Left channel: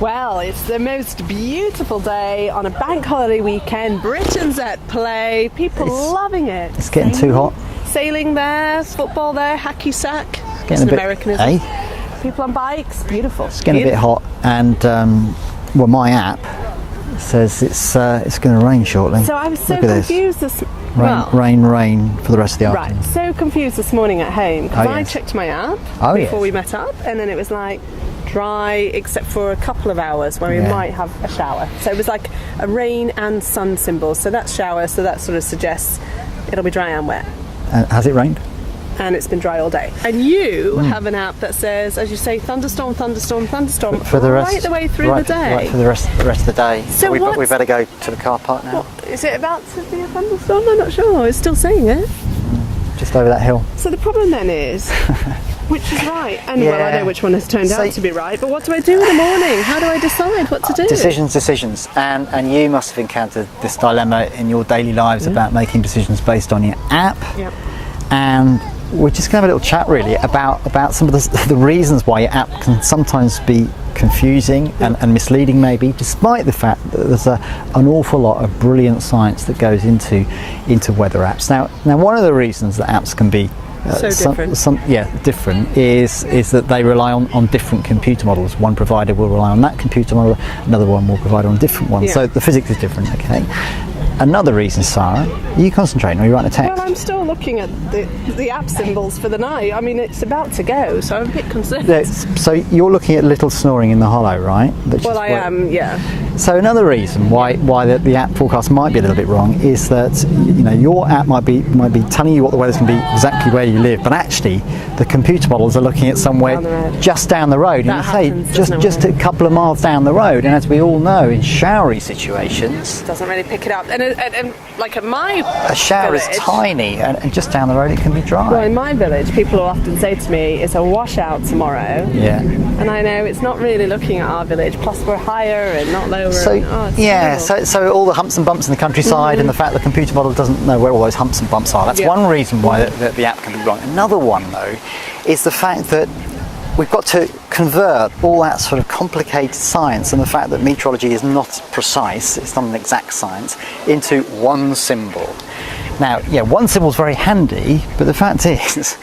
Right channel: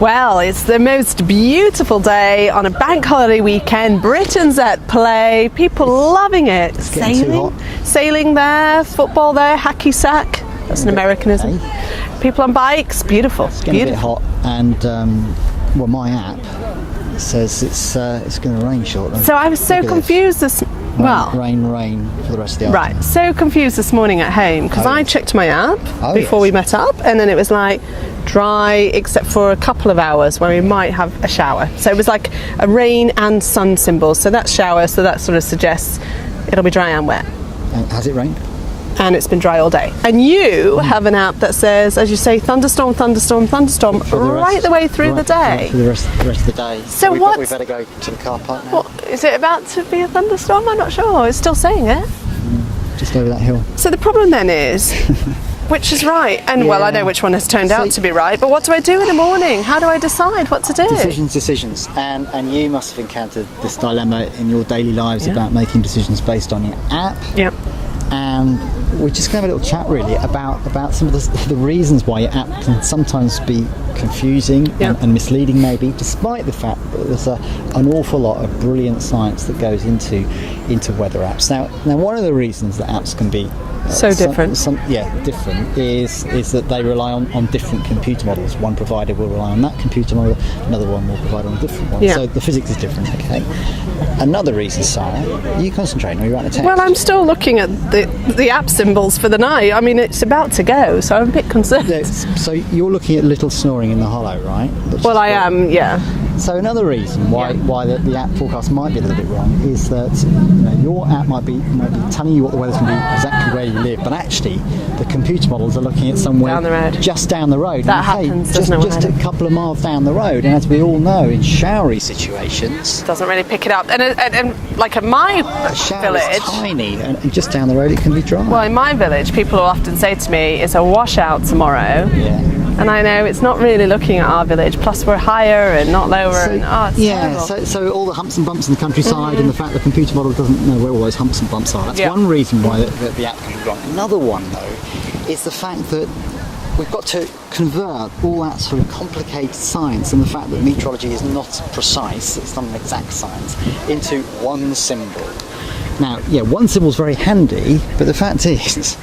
Well, it's the most beautiful day on a bank holiday weekend. Britain's at play. People loving it. It's getting too hot. Sailing there, football there, hacky sack. It's an Americanism. People on bikes. Beautiful. It's getting a bit hot, and well, my app says it's going to rain shortly. So I was so confused Rain for the rest of the afternoon. Right, so confused this morning at home because I checked my app before we met up, and then it was like dry except for a couple of hours where we might have a shower. So it was like a rain and sun symbol. So that's shower, so that sort of suggests it'll be dry and wet. Has it rained? And it's been dry all day. And you have an app that says, as you say, thunderstorm, thunderstorm, thunderstorm, right the way through the day. Right for the rest of the day. So we better go to the car park now. What, is it about to be a thunderstorm? I'm not sure. It's still saying it. Just over that hill. So the problem then is, which is right? And well, I know which one has turned out to be right, but what do I do in the morning? How do I decide what to do? Decisions. And you must have encountered this dilemma in your daily lives about making decisions based on your app. Yep. And we're just going to have a little chat really about some of the reasons why your app can sometimes be confusing and misleading, maybe, despite the fact that there's an awful lot of brilliant science that goes into weather apps. Now one of the reasons that apps can be different is that they rely on different computer models. One provider will rely on that computer model, another one will provide on a different one. So the physics is different. Okay. Another reason, Sarah, are you concentrating or are you writing a text? Well, I'm still looking at the app symbols for the night. I mean, it's about to go, so I'm a bit concerned. So you're looking at little snoring in the hollow, right? Well, I am, yeah. So another reason why the app forecast might be a little bit wrong is that your app might be telling you what the weather's going to be exactly where you live, but actually the computer models are looking at somewhere just down the road. That happens, just a couple of miles down the road, and as we all know, in showery situations, it doesn't really pick it up. And like at my shower village, is tiny, and just down the road it can be dry. Well, in my village, people will often say to me, "It's a washout tomorrow." Yeah. And I know it's not really looking at our village. Plus, we're higher and not lower. So all the humps and bumps in the countryside, and the fact the computer model doesn't know where all those humps and bumps are. That's one reason why the app can be wrong. Another one, though, is the fact that we've got to convert all that sort of complicated science and the fact that meteorology is not precise, it's not an exact science, into one symbol. Now, one symbol is very handy, but the fact is,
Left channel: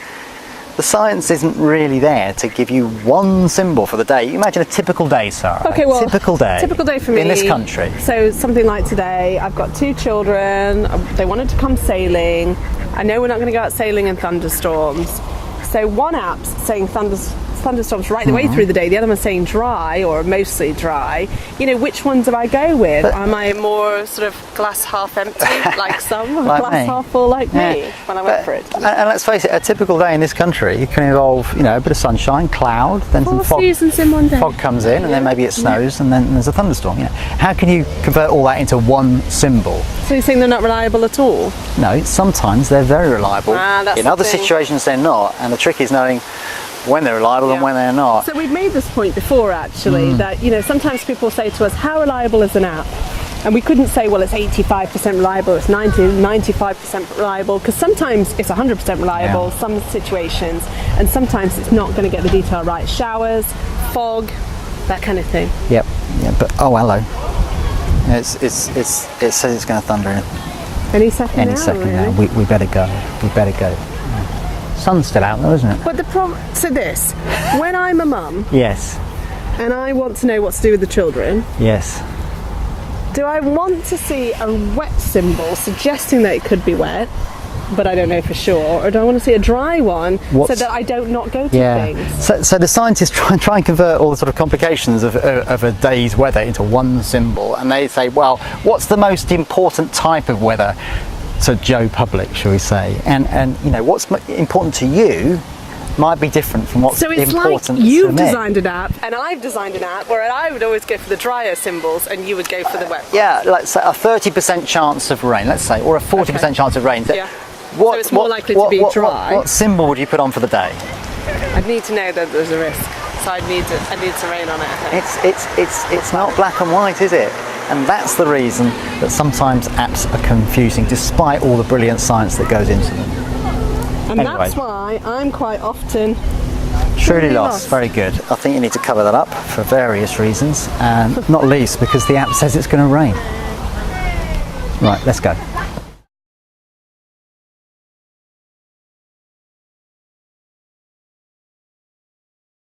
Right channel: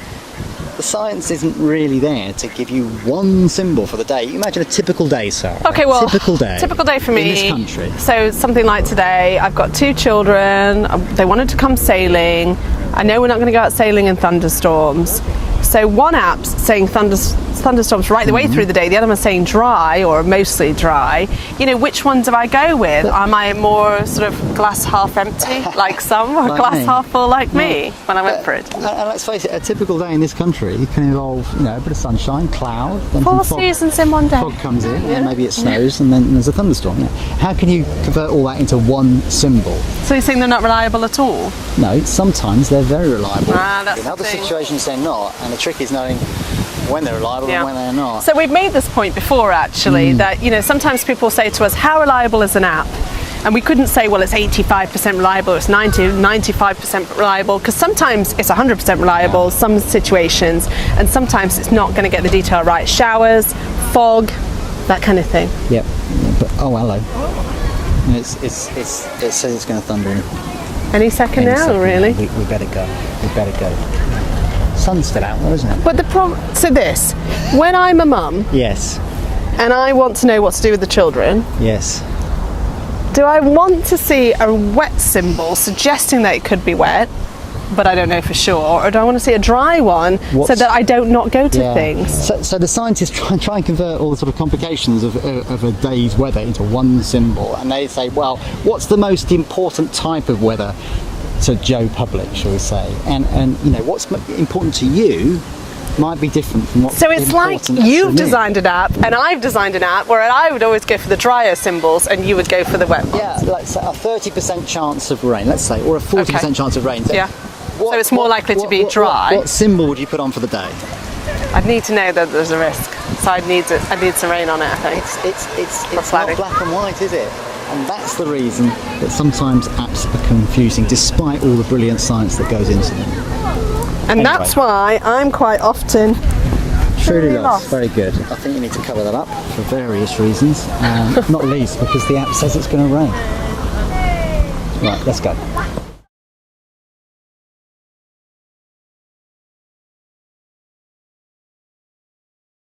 the science isn't really there to give you one symbol for the day. Imagine a typical day, Sarah. Okay, well, typical day for me in this country. So something like today, I've got 2 children. They wanted to come sailing. I know we're not going to go out sailing in thunderstorms. So one app's saying thunderstorms right the way through the day. The other one's saying dry or mostly dry. Which one do I go with? Am I more sort of glass half empty like some, or like glass me. half full like me when I went for it? And let's face it, a typical day in this country can involve, a bit of sunshine, cloud, then some fog. 4 seasons in one day. Fog comes in, and then maybe it snows, and then there's a thunderstorm. How can you convert all that into one symbol? So you're saying they're not reliable at all? No, sometimes they're very reliable. In other situations they're not, and the trick is knowing when they're reliable and when they're not. So we've made this point before, actually, that sometimes people say to us, how reliable is an app? And we couldn't say, well, it's 85% reliable, it's 95% reliable, because sometimes it's 100% reliable, some situations, and sometimes it's not going to get the detail right. Showers, fog, that kind of thing. Yep. But hello. It says it's going to thunder in any second now, really? Now. We better go. Sun's still out though, isn't it? But when I'm a mum, yes, and I want to know what to do with the children, yes, do I want to see a wet symbol suggesting that it could be wet, but I don't know for sure, or do I want to see a dry one so that I don't not go to things? So the scientists try and convert all the sort of complications of a day's weather into one symbol, and they say, well, what's the most important type of weather to Joe Public, shall we say? And what's important to you might be different from what's important to me. So it's like you've designed an app and I've designed an app where I would always go for the drier symbols and you would go for the wet ones. Yeah, let's say a 30% chance of rain, let's say, or a 40% chance of rain. Yeah. So it's more likely to be dry. What symbol would you put on for the day? I'd need to know that there's a risk, so I'd need some rain on it, I think. It's not black and white, is it? And that's the reason that sometimes apps are confusing, despite all the brilliant science that goes into them. And that's why I'm quite often Truly lost. Very good. I think you need to cover that up for various reasons, not least because the app says it's going to rain. Right, let's go.